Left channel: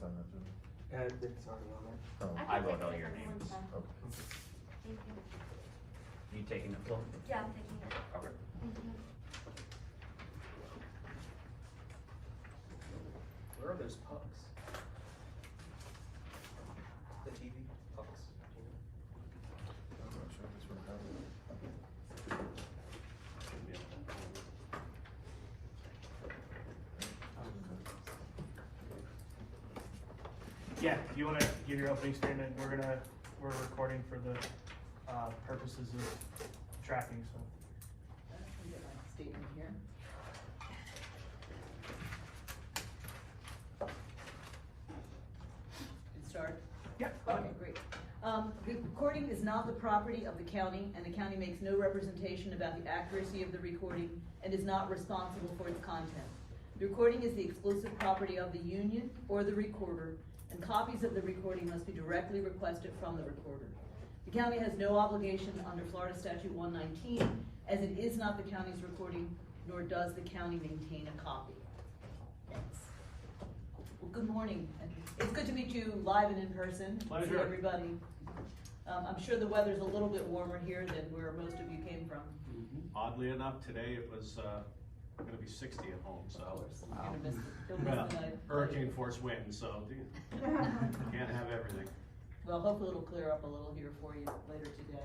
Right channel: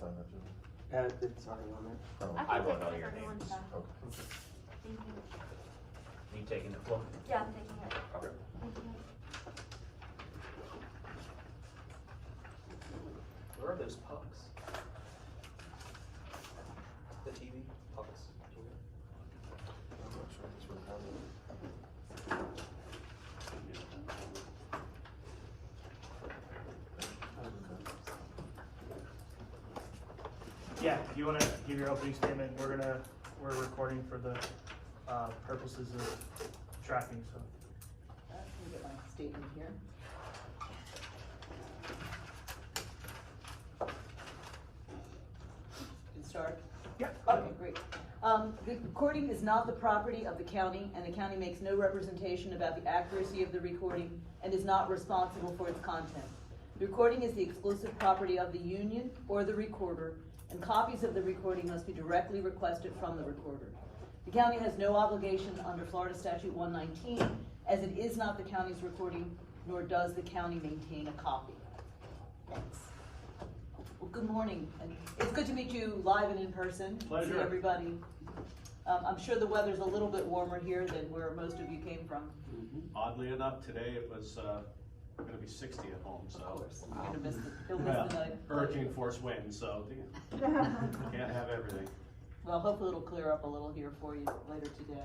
sign that too. It's already on there. Oh, I wrote take all it your for everyone, names. so. okay. Thank you. You taking the floor? Yeah, I'm taking it. Okay. Where are those pucks? The TV pucks. I'm not sure this would have it. Yeah, if you wanna give your opening statement, we're recording for the, purposes of tracking, so. Let me get my statement here. Can start? Yeah. Okay, great. The recording is not the property of the county, and the county makes no representation about the accuracy of the recording and is not responsible for its content. The recording is the exclusive property of the union or the recorder, and copies of the recording must be directly requested from the recorder. The county has no obligation under Florida Statute 119, as it is not the county's recording, nor does the county maintain a copy. Thanks. Well, good morning, and it's good to meet you live and in person. Pleasure. See everybody. I'm sure the weather's a little bit warmer here than where most of you came from. Oddly enough, today it was gonna be 60 at home, so. Of course, you're gonna miss it. You'll miss Well, the night. hurricane force winds, so can't have everything. Well, hopefully it'll clear up a little here for you later today.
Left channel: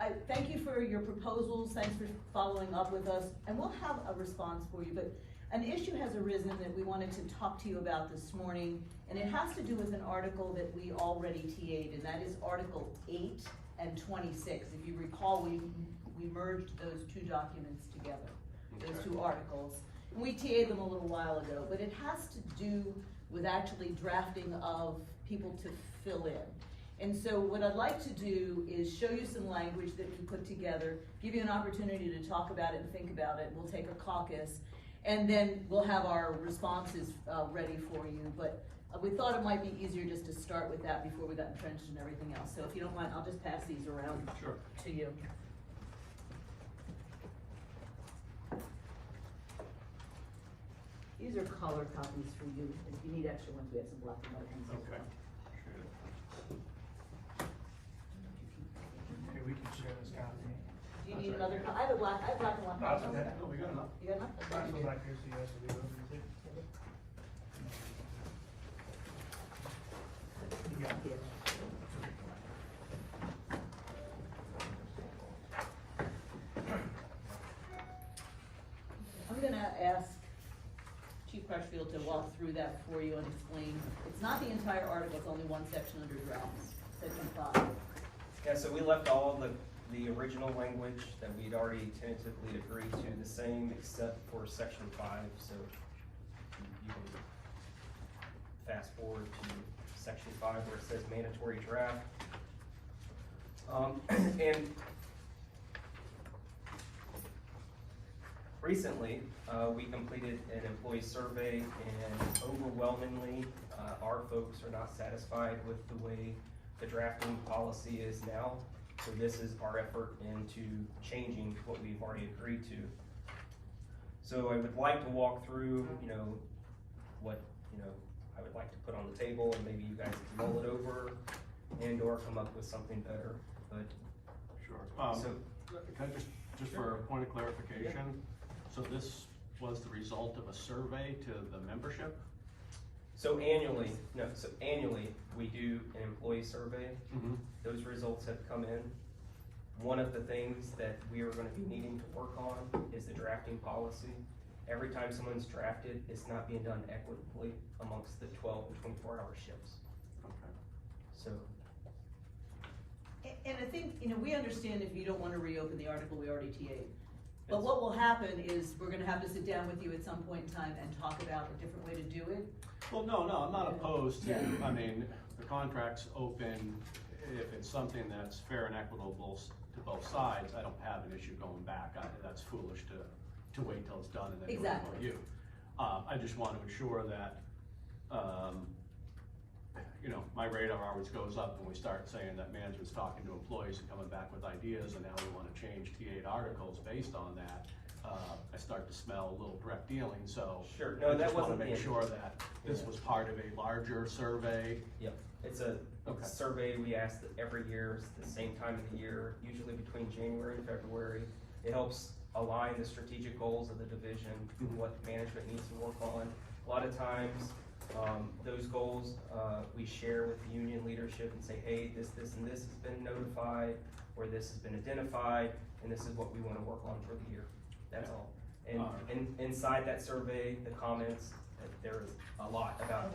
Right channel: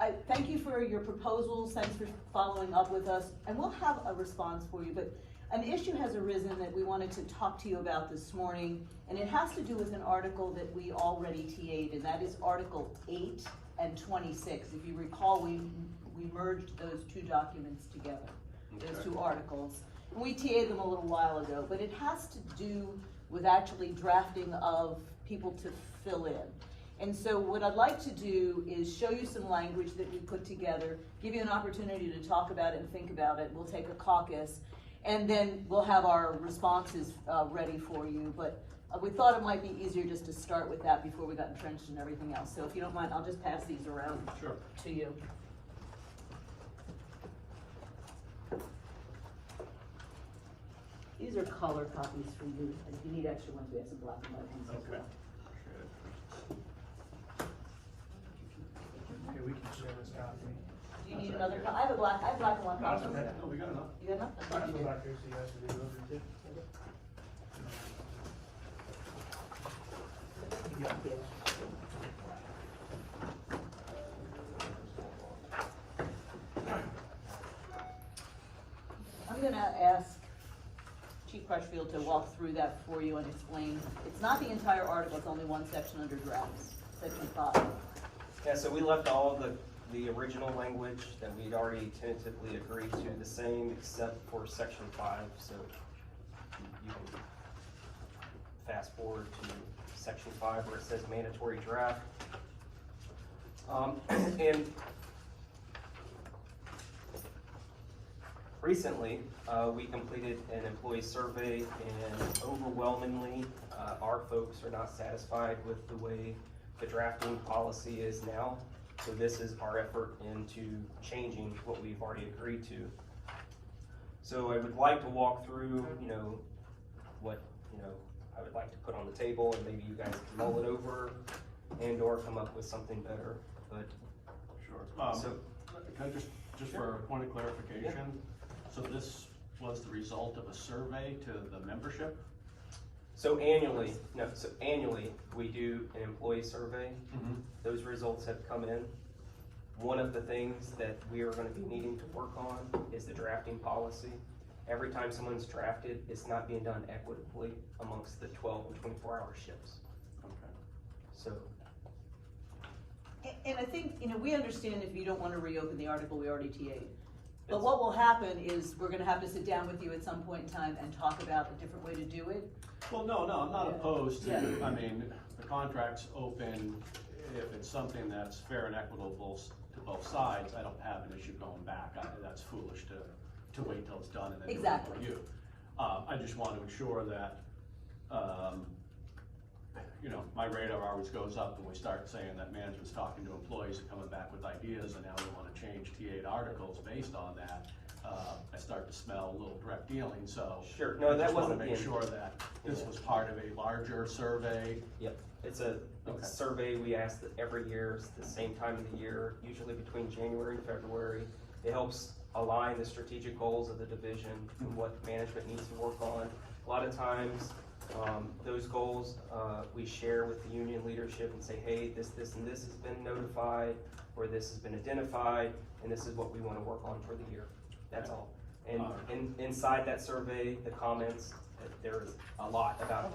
I thank you for your proposals, thanks for following up with us, and we'll have a response for you, but an issue has arisen that we wanted to talk to you about this morning, and it has to do with an article that we already TA'd, and that is Article 8 and 26. If you recall, we merged those two documents together, those two articles. And we TA'd them a little while ago, but it has to do with actually drafting of people to fill in. And so what I'd like to do is show you some language that we put together, give you an opportunity to talk about it and think about it. We'll take a caucus, and then we'll have our responses ready for you. But we thought it might be easier just to start with that before we got entrenched in everything else. So if you don't mind, I'll just pass these around Sure. to you. These are color copies for you, and if you need extra ones, we have some black and white ones as Okay. well. Here, we can share this copy. Do you need another copy? I have a black and white. No, it's okay. Oh, we got enough. You got enough? This Okay. is back here, so you have to read over too. You got it. I'm gonna ask Chief Crutchfield to walk through that for you and explain. It's not the entire article, it's only one section under drafts, section 5. Yeah, so we left all the original language that we'd already tentatively agreed to the same, except for section 5, so you can fast forward to section 5 where it says mandatory draft. And recently, we completed an employee survey, and overwhelmingly, our folks are not satisfied with the way the drafting policy is now. So this is our effort into changing what we've already agreed to. So I would like to walk through, what, I would like to put on the table, and maybe you guys can mull it over and or come up with something better, but. Sure. So, Can I just for a point of clarification, so this was the result of a survey to the membership? so annually, we do an employee survey. Those results have come in. One of the things that we are gonna be needing to work on is the drafting policy. Every time someone's drafted, it's not being done equitably amongst the 12 and 24-hour shifts. Okay. So, And I think, we understand if you don't wanna reopen the article, we already TA'd. But what will happen is we're gonna have to sit down with you at some point in time and talk about a different way to do it. Well, no, I'm not opposed to, Yeah. I mean, the contract's open. If it's something that's fair and equitable to both sides, I don't have an issue going back. That's foolish to wait till it's done and then do it Exactly. for you. I just want to ensure that, my radar always goes up when we start saying that management's talking to employees and coming back with ideas, and now we want to change T8 articles based on that. I start to smell a little direct dealing, so. Sure, no, I that just wanna wasn't the make intent. sure that this was part of a larger survey. Yep, it's a Okay. survey we ask that every year, it's the same time of the year, usually between January and February. It helps align the strategic goals of the division to what management needs to work on. A lot of times, those goals, we share with the union leadership and say, hey, this, and this has been notified, or this has been identified, and this is what we wanna work on for the year. That's all. And inside that survey, the comments, there is a lot about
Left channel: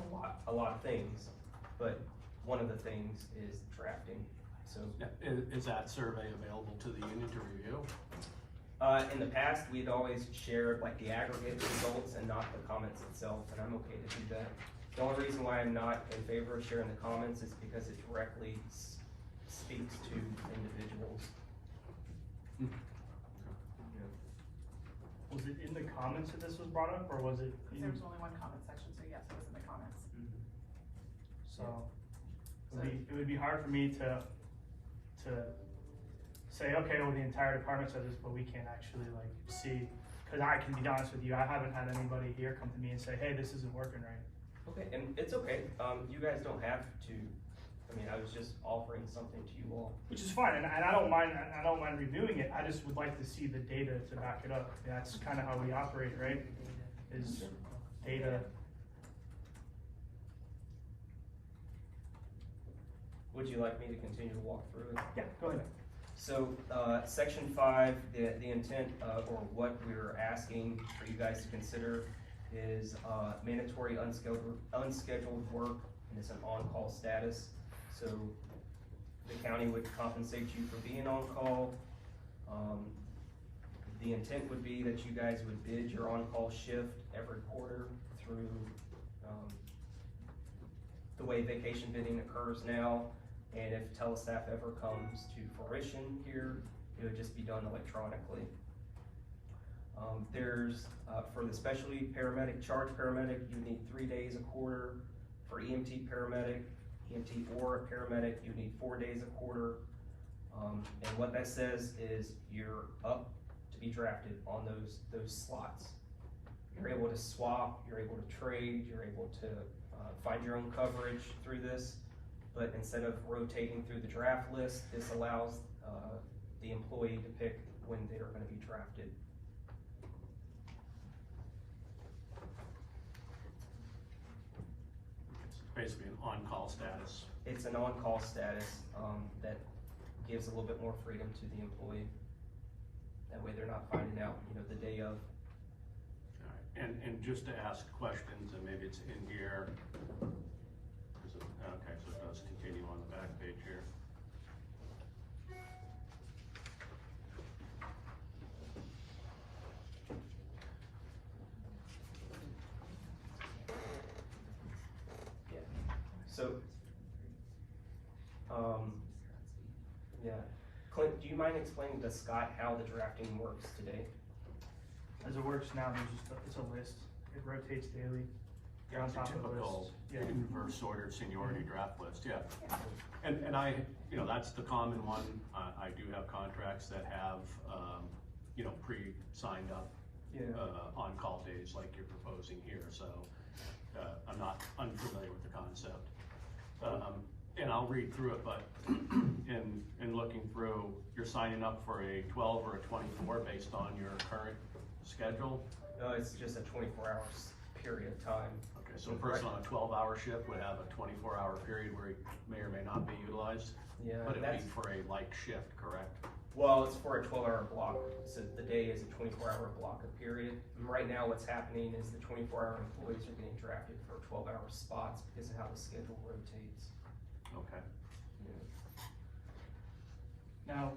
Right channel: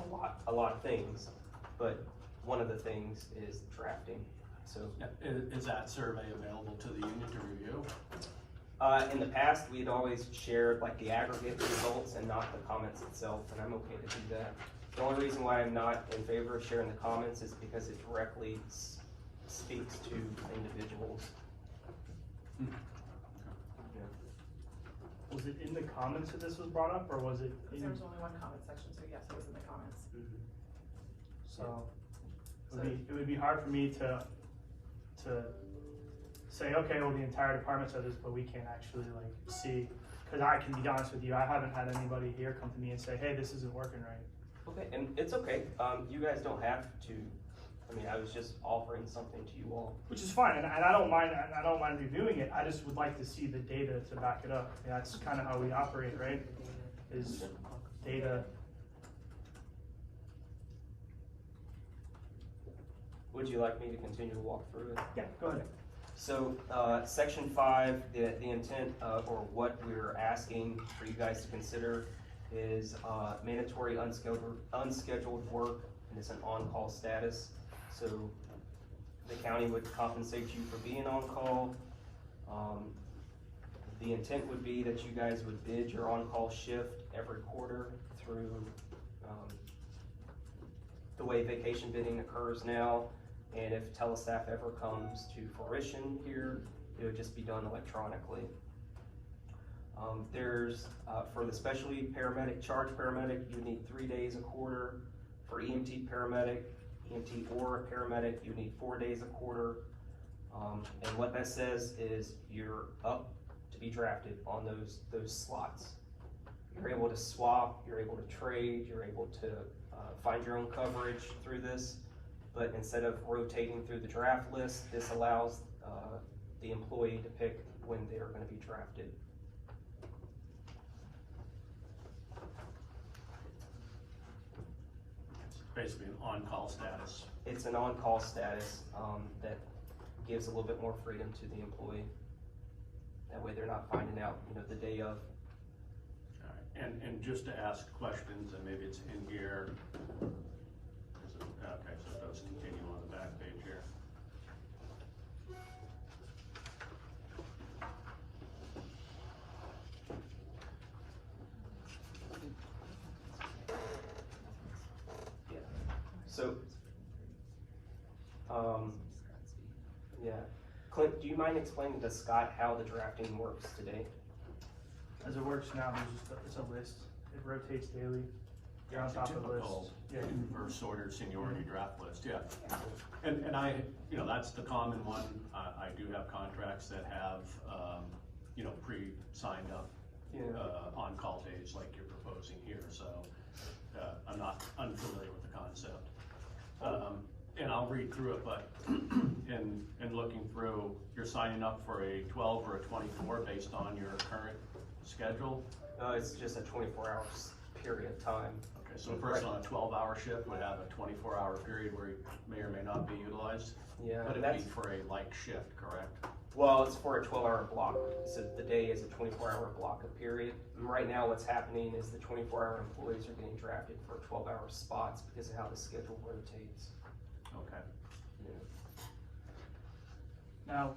a lot of things, but one of the things is drafting, so. Yeah, is that survey available to the union to review? In the past, we'd always shared like the aggregate results and not the comments itself, and I'm okay to do that. The only reason why I'm not in favor of sharing the comments is because it directly speaks to individuals. Hmm. Was it in the comments that this was brought up, or was it? There was only one comment section, so yes, it was in the comments. So, it would be hard for me to say, okay, well, the entire department said this, but we can't actually like see, cause I can be honest with you, I haven't had anybody here come to me and say, hey, this isn't working right. Okay, and it's okay, you guys don't have to, I mean, I was just offering something to you all. Which is fine, and I don't mind reviewing it, I just would like to see the data to back it up. I mean, that's kinda how we operate, right? Is data. Would you like me to continue to walk through it? Yeah, go ahead. So, section 5, the intent of, or what we're asking for you guys to consider is, mandatory unscheduled work, and it's an on-call status. So, the county would compensate you for being on call. The intent would be that you guys would bid your on-call shift every quarter through, the way vacation bidding occurs now. And if telestaff ever comes to fruition here, it would just be done electronically. There's, for the specialty paramedic, charge paramedic, you need 3 days a quarter. For EMT paramedic, EMT or a paramedic, you need 4 days a quarter. And what that says is you're up to be drafted on those slots. You're able to swap, you're able to trade, you're able to find your own coverage through this. But instead of rotating through the draft list, this allows the employee to pick when they are gonna be drafted. It's basically an on-call status. It's an on-call status that gives a little bit more freedom to the employee. That way they're not finding out, the day of. All right. And just to ask questions, and maybe it's in here. Okay, so it does continue on the back page here. So, yeah. Clint, do you mind explaining to Scott how the drafting works today? As it works now, it's a list, it rotates daily, you're on top of the list. Yeah. Reverse ordered seniority draft list, yeah. And I, that's the common one. I do have contracts that have, pre-signed up, on-call days like you're proposing here, so, I'm not unfamiliar with the concept. And I'll read through it, but in looking through, you're signing up for a 12 or a 24 based on your current schedule? It's just a 24 hours period of time. Okay, so a person on a 12-hour shift would have a 24-hour period where he may or may not be utilized? Yeah, Would and it that's, be for a like shift, correct? well, it's for a 12-hour block, so the day is a 24-hour block of period. And right now what's happening is the 24-hour employees are getting drafted for 12-hour spots because of how the schedule rotates. Okay. Now,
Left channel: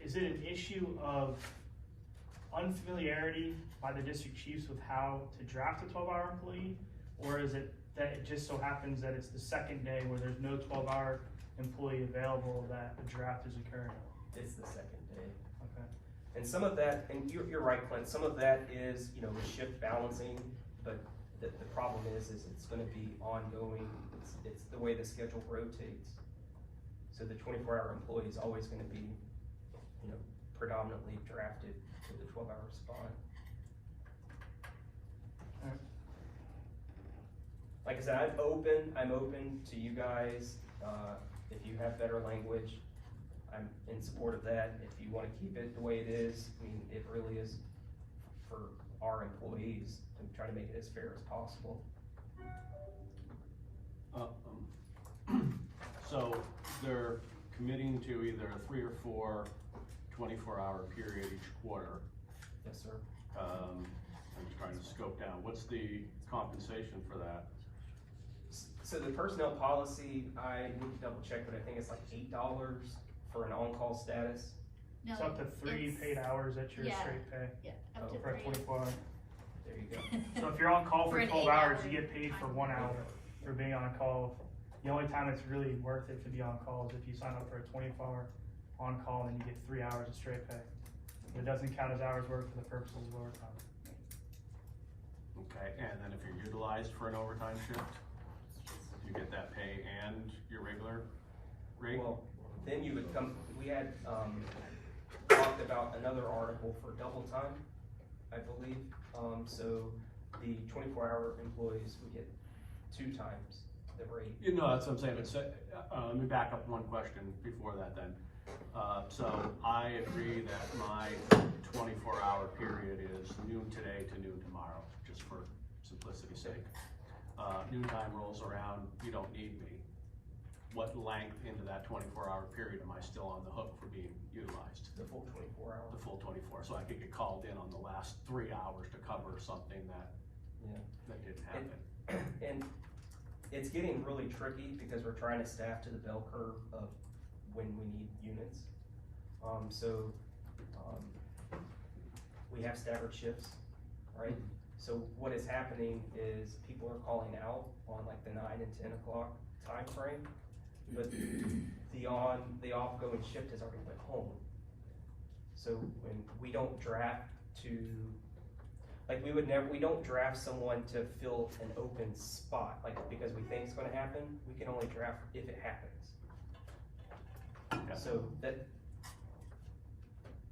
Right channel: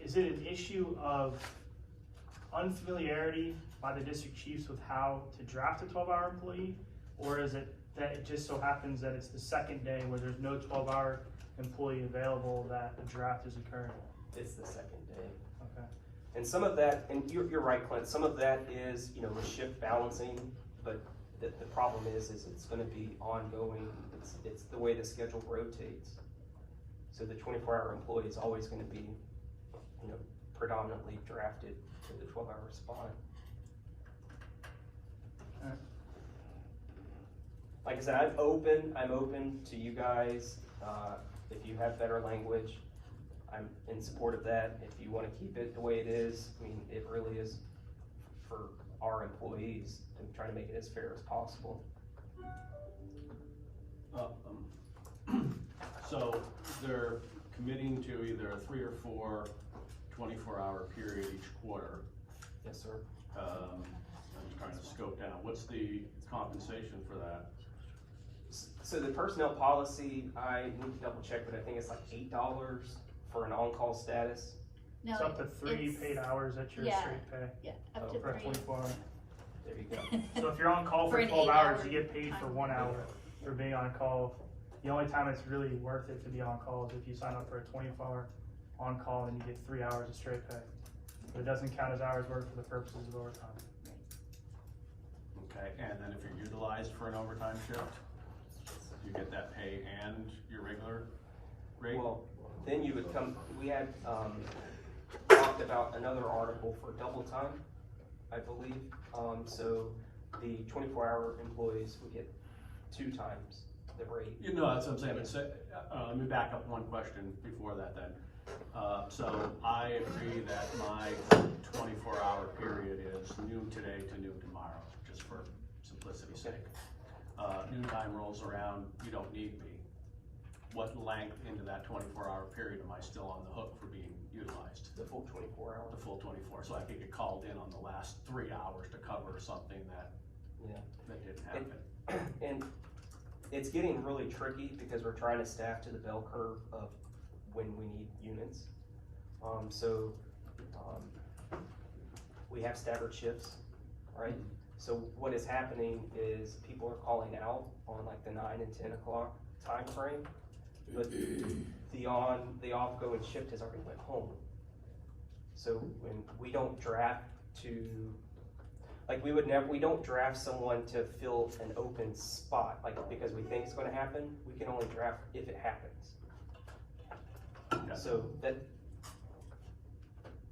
is it an issue of unfamiliarity by the district chiefs with how to draft a 12-hour employee? Or is it that it just so happens that it's the second day where there's no 12-hour employee available that the draft is occurring? It's the second day. Okay. And some of that, and you're right, Clint, some of that is, with shift balancing, but the problem is it's gonna be ongoing. It's the way the schedule rotates. So the 24-hour employee is always gonna be, predominantly drafted to the 12-hour spot. Alright. Like I said, I'm open to you guys, if you have better language, I'm in support of that. If you wanna keep it the way it is, I mean, it really is for our employees to try to make it as fair as possible. So they're committing to either a 3 or 4 24-hour period each quarter. Yes, sir. I'm just trying to scope down, what's the compensation for that? So the personnel policy, I need to double check, but I think it's like $8 for an on-call status. No, It's up to 3 it's- paid hours at your yeah. straight pay Yeah, Oh, up to for a 3. 24 hour. There you go. So if you're on call For for an 12 hours, 8-hour you get paid for time. 1 hour for being on call. The only time it's really worth it to be on call is if you sign up for a 24-hour on call and you get 3 hours of straight pay. But it doesn't count as hours worked for the purposes of overtime. Okay, and then if you're utilized for an overtime shift, you get that pay and your regular rate? Well, then you would come, we had, talked about another article for double time, I believe. So the 24-hour employees would get 2 times the rate. You know, that's what I'm saying, but let me back up one question before that then. So I agree that my 24-hour period is noon today to noon tomorrow, just for simplicity's sake. Noontime rolls around, you don't need me. What length into that 24-hour period am I still on the hook for being utilized? The full 24 hours. The full 24, so I could get called in on the last 3 hours to cover something that, Yeah. that didn't happen. And it's getting really tricky because we're trying to staff to the bell curve of when we need units. We have staggered shifts, right? So what is happening is people are calling out on like the 9 and 10 o'clock time frame, but the off-going shift has already went home. So when we don't draft to, like we don't draft someone to fill an open spot, like because we think it's gonna happen, we can only draft if it happens. Yeah. So that,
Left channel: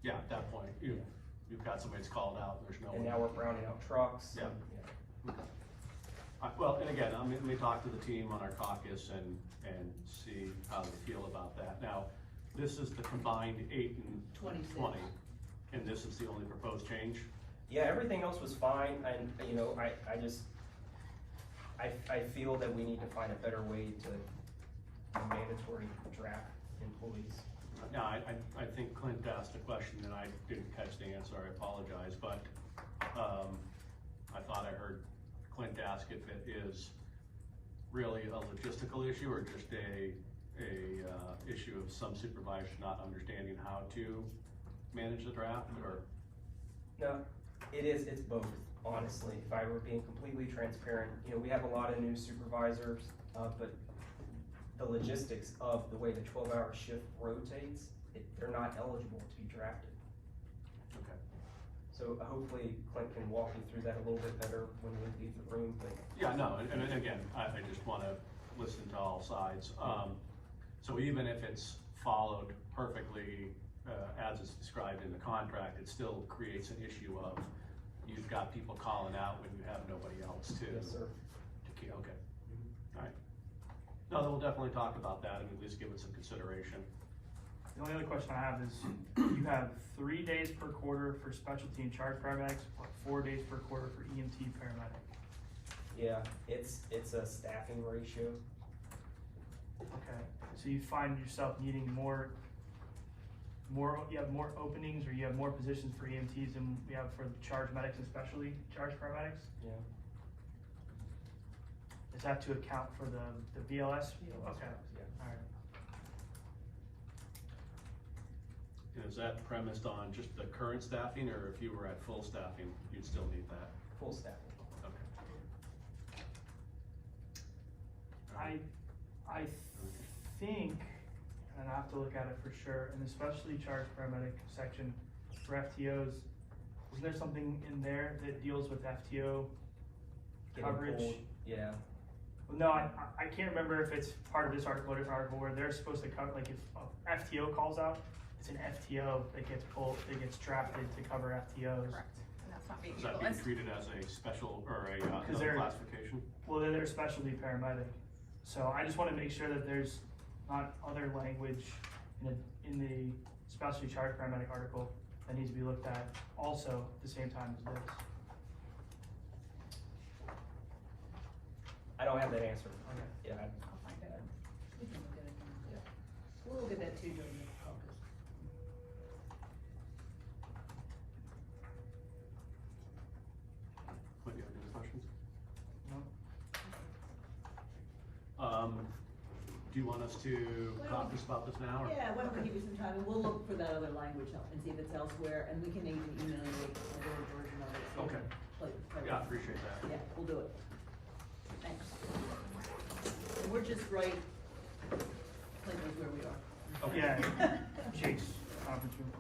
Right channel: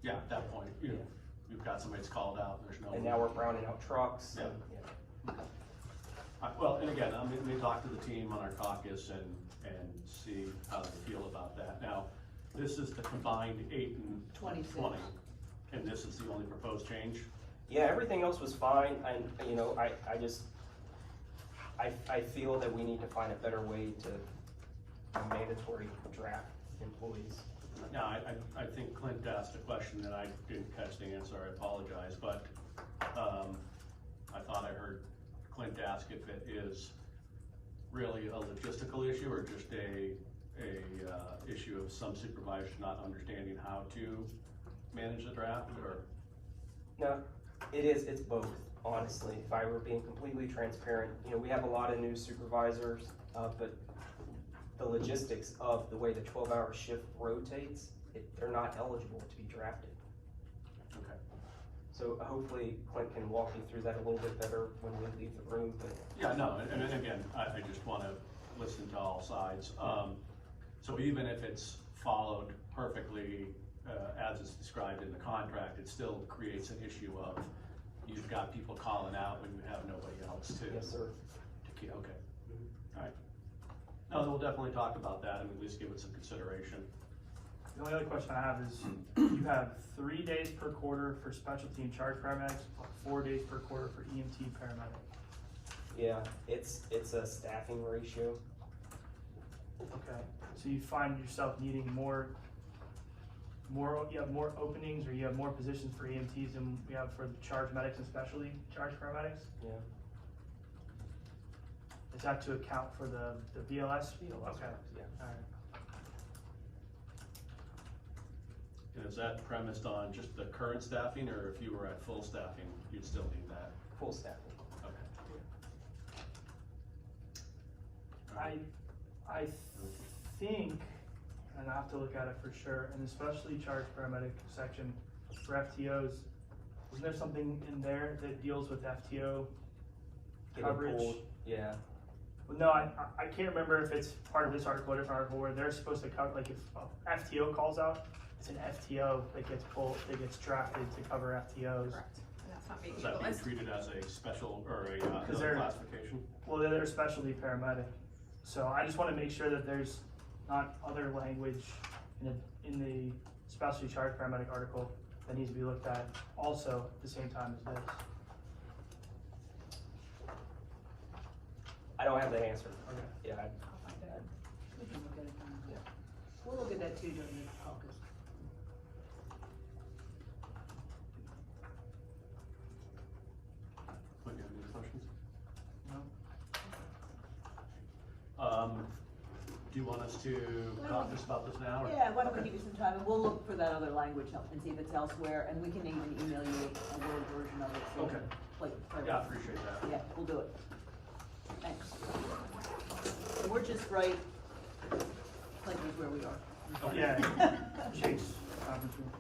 Yeah, at that point, you've got somebody that's called out, there's no. and now we're browning out trucks, Yeah. and, Well, and again, I'm gonna talk to the team on our caucus and see how they feel about that. Now, this is the combined 8 and 26. 20, and this is the only proposed change? yeah, everything else was fine, and, you know, I feel that we need to find a better way to mandatory draft employees. Now, I think Clint asked a question that I didn't catch the answer, I apologize, but, I thought I heard Clint ask if it is really a logistical issue or just a issue of some supervisors not understanding how to manage the draft, or? No, it's both, honestly, if I were being completely transparent. You know, we have a lot of new supervisors, but the logistics of the way the 12-hour shift rotates, they're not eligible to be drafted. Okay. So hopefully Clint can walk you through that a little bit better when we leave the room, but. Yeah, no, and again, I just wanna listen to all sides. So even if it's followed perfectly, as it's described in the contract, it still creates an issue of you've got people calling out when you have nobody else to. Yes, sir. Okay, all right. No, we'll definitely talk about that and at least give it some consideration. The only other question I have is, you have 3 days per quarter for specialty and charge paramedics, 4 days per quarter for EMT paramedic. Yeah, it's a staffing ratio. Okay, so you find yourself needing you have more openings, or you have more positions for EMTs than we have for charge medics and specialty charge paramedics? Yeah. Is that to account for the BLS? Okay, Yeah. alright. And is that premised on just the current staffing, or if you were at full staffing, you'd still need that? Full staffing. Okay. I think, and I have to look at it for sure, and especially charge paramedic section for FTOs, isn't there something in there that deals with FTO Getting coverage? pulled, yeah. No, I can't remember if it's part of this article or a different article where they're supposed to cover, like if a FTO calls out, it's an FTO that gets pulled, that gets drafted to cover FTOs. Correct, and that's not being Is that being utilized. treated as a special or a, Because another they're- classification? Well, they're a specialty paramedic, so I just wanna make sure that there's not other language in the specialty charge paramedic article that needs to be looked at also at the same time as this. I don't have that answer. Okay. Yeah, I'll find it. We can look at it then. Yeah. We'll look at that too during the caucus. What, do you have any questions? No? Do you want us to caucus about this now, or? Yeah, why don't we give you some time, and we'll look for that other language and see if it's elsewhere, and we can even email you a Word version of it, so. Okay. Play Yeah, I appreciate that. Yeah, we'll do it. Thanks. And we're just right, like where we are. Okay. Yeah, Jake's conference room.